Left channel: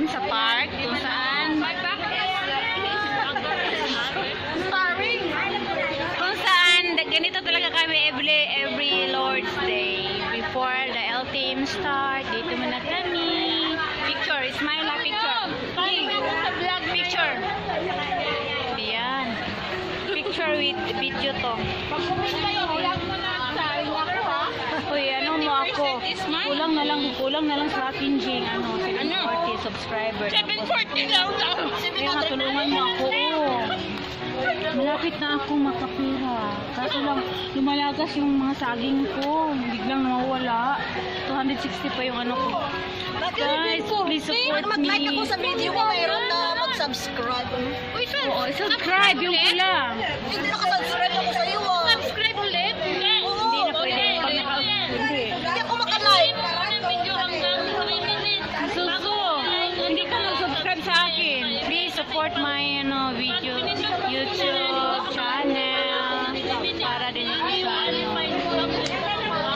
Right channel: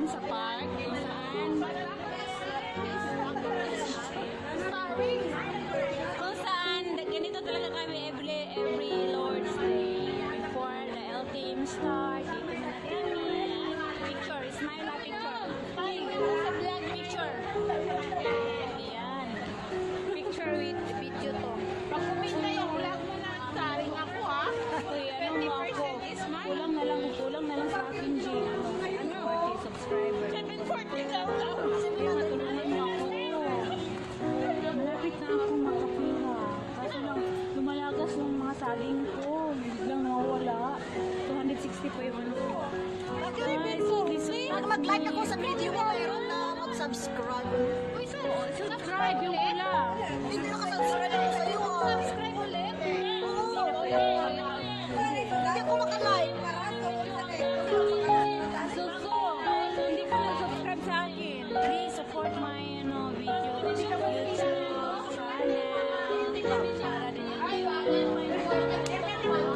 ngayon sa park kung saan ganito talaga kami every Lord's Day before the L team start. Dito muna kami. Picture, smile na picture. King, sa vlog picture. Diyan. Picture with video to. Pag-comment kayo, huwag mo na saring ako ha. Uy, ano mo ako? Kulang na lang sa akin, Jing. Ano? 740 subscribers. 740 lang lang. Tulungan mo ako. Malapit na ako makapira. Kaso lang, lumalagas yung mga saging ko. Biglang nawawala. 260 pa yung ano ko. Guys, please support me. Mag-like ako sa video ko, mayroon na mag-subscribe. Uy, sir. Oo, subscribe yung pula. Hindi nakasubscribe ako sa iyo. Subscribe ulit? Hindi na pwede. Hindi ako makalike. Suso, hindi ka mag-subscribe sa akin. Please support my video, YouTube channel. Para din yung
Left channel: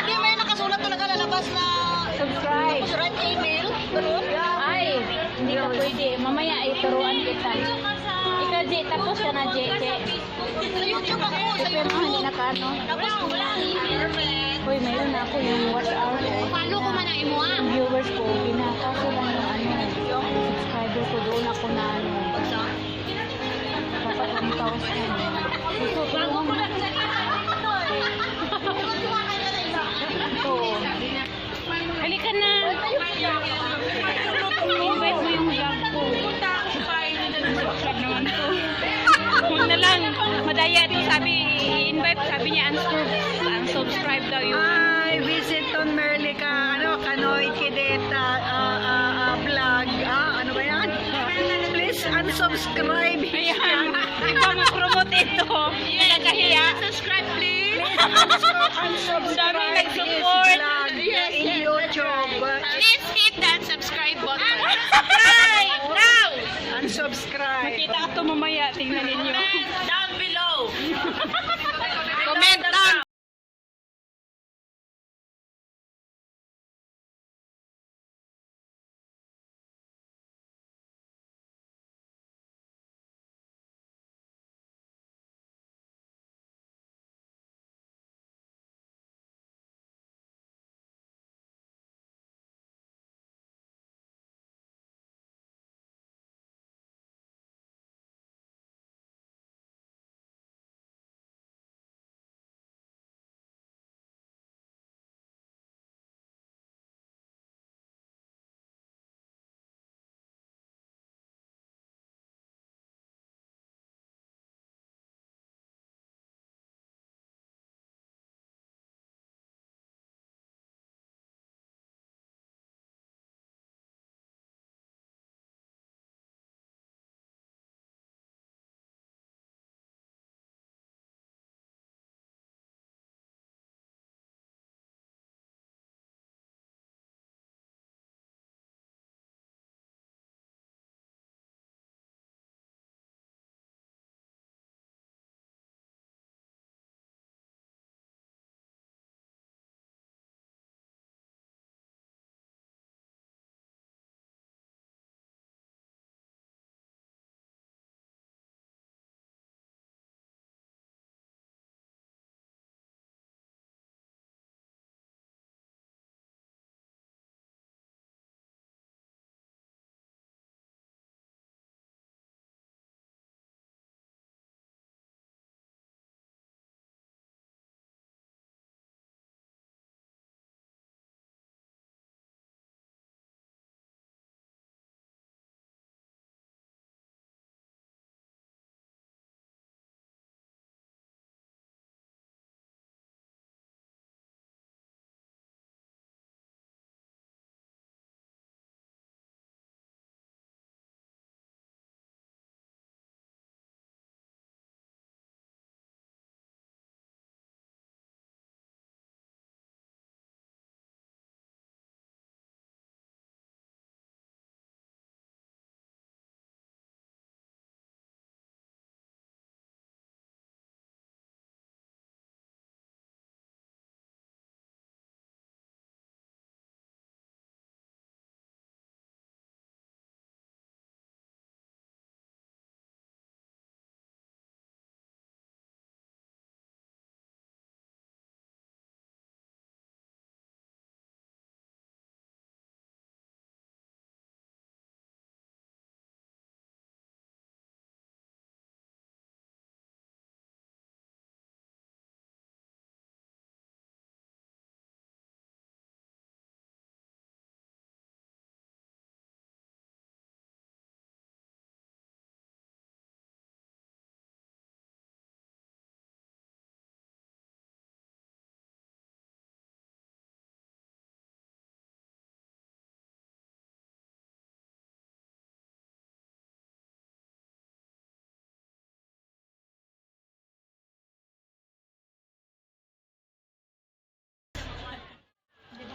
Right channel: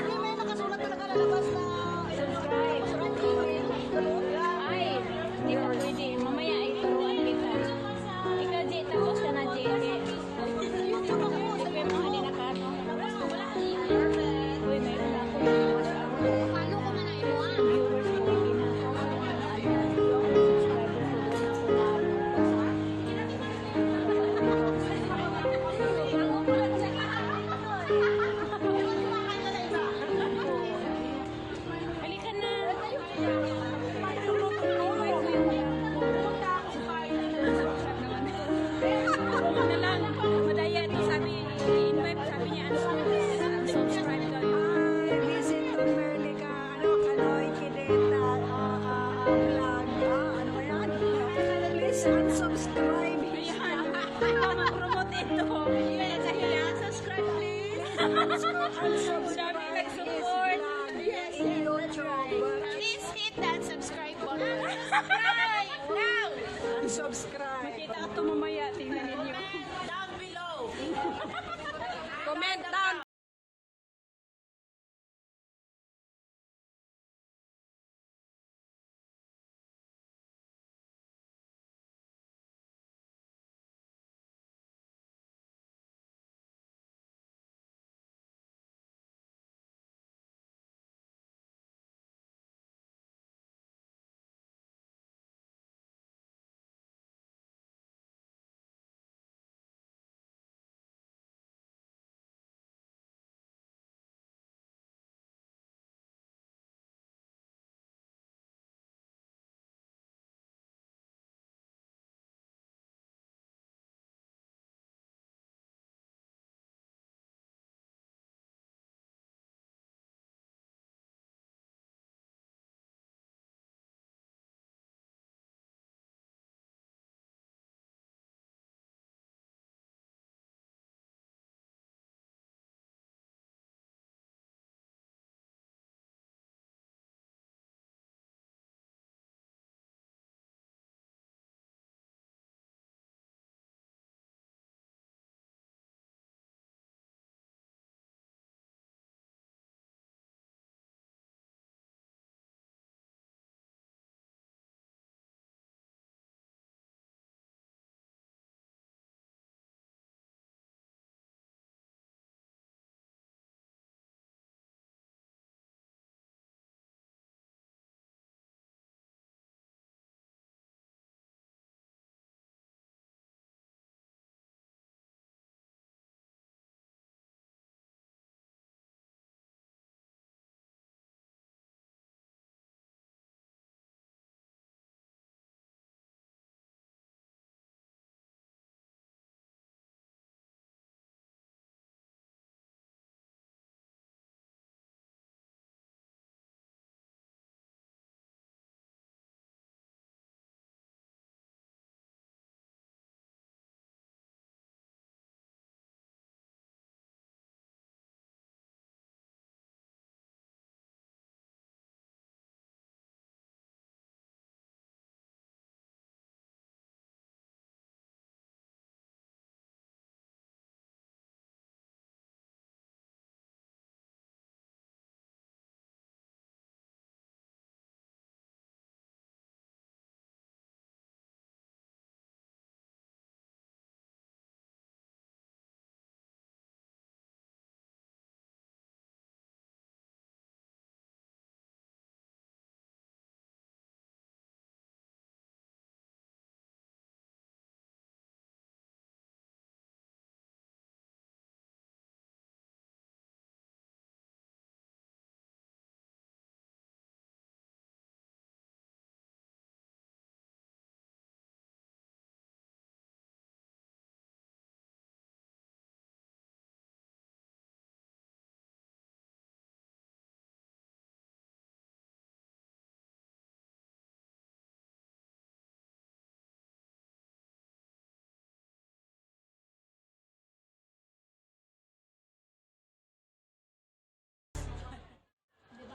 Hindi may nakasulat to nakalalabas na subscribe. tapos red email. Ganun? Ay, hindi ka pwede. Mamaya ituruan kita. Ikaw, J, tapos ka na, J. Sa YouTube ako, sa Hindi YouTube. nakano. Tapos wala email. Uy, mayroon na ako yung watch hour. Paano ko man mo ah? Ang viewers ko, pinakaso lang yung subscriber ko doon ako na halika na. Invite mo yung vlog ko. Subscribe naman to. Huwag na lang. Madaya din invite. Sabi niya unsubscribe daw yung Ay, visit on Merlica, Kanoy Kideta, vlog, ano ba yan? Please unsubscribe. ayan. Ikaw mag-promote ito. Hindi ka kahiya. Subscribe please. Unsubscribe Dami his nag-support. vlog in YouTube. Please hit that subscribe button. Subscribe now. Unsubscribe. Kita ka ito mamaya. Tingnan ninyo. Down below. Comment down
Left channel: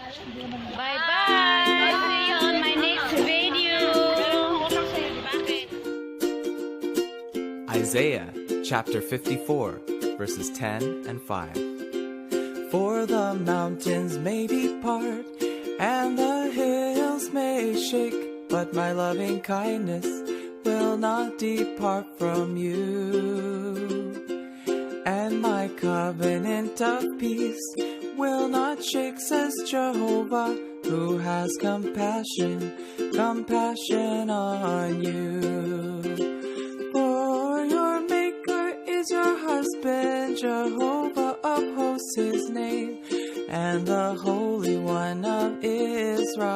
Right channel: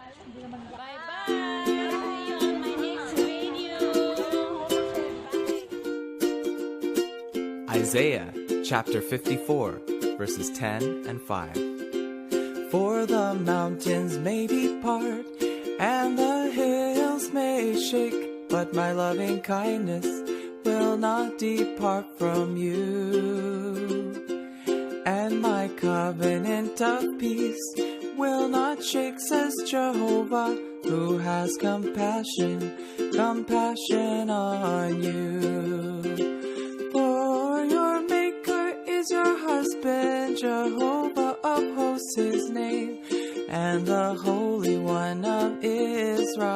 Bye-bye. See you on my next video. Isaiah chapter 54, verses 10 and 5. For the mountains may depart, and the hills may shake, but my loving kindness will not depart from you. And my covenant of peace will not shake, says Jehovah, who has compassion on you. For your Maker is your husband, Jehovah of hosts his name, and the Holy One of Israel.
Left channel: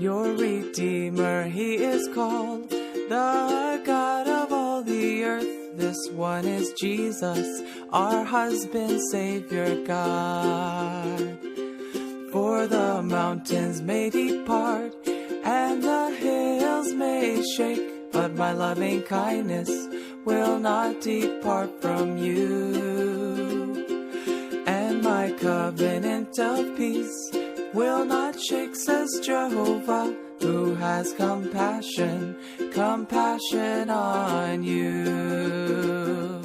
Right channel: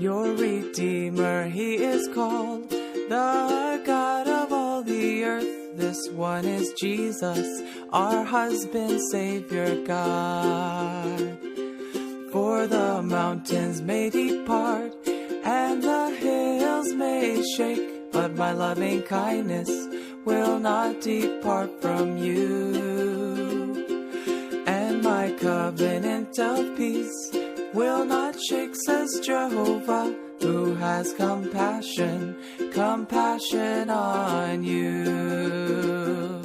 Your Redeemer he is called, the God of all the earth. This one is Jesus, our husband, Savior God. For the mountains may depart, and the hills may shake, but my loving kindness will not depart from you. And my covenant of peace will not shake, says Jehovah, who has compassion on you.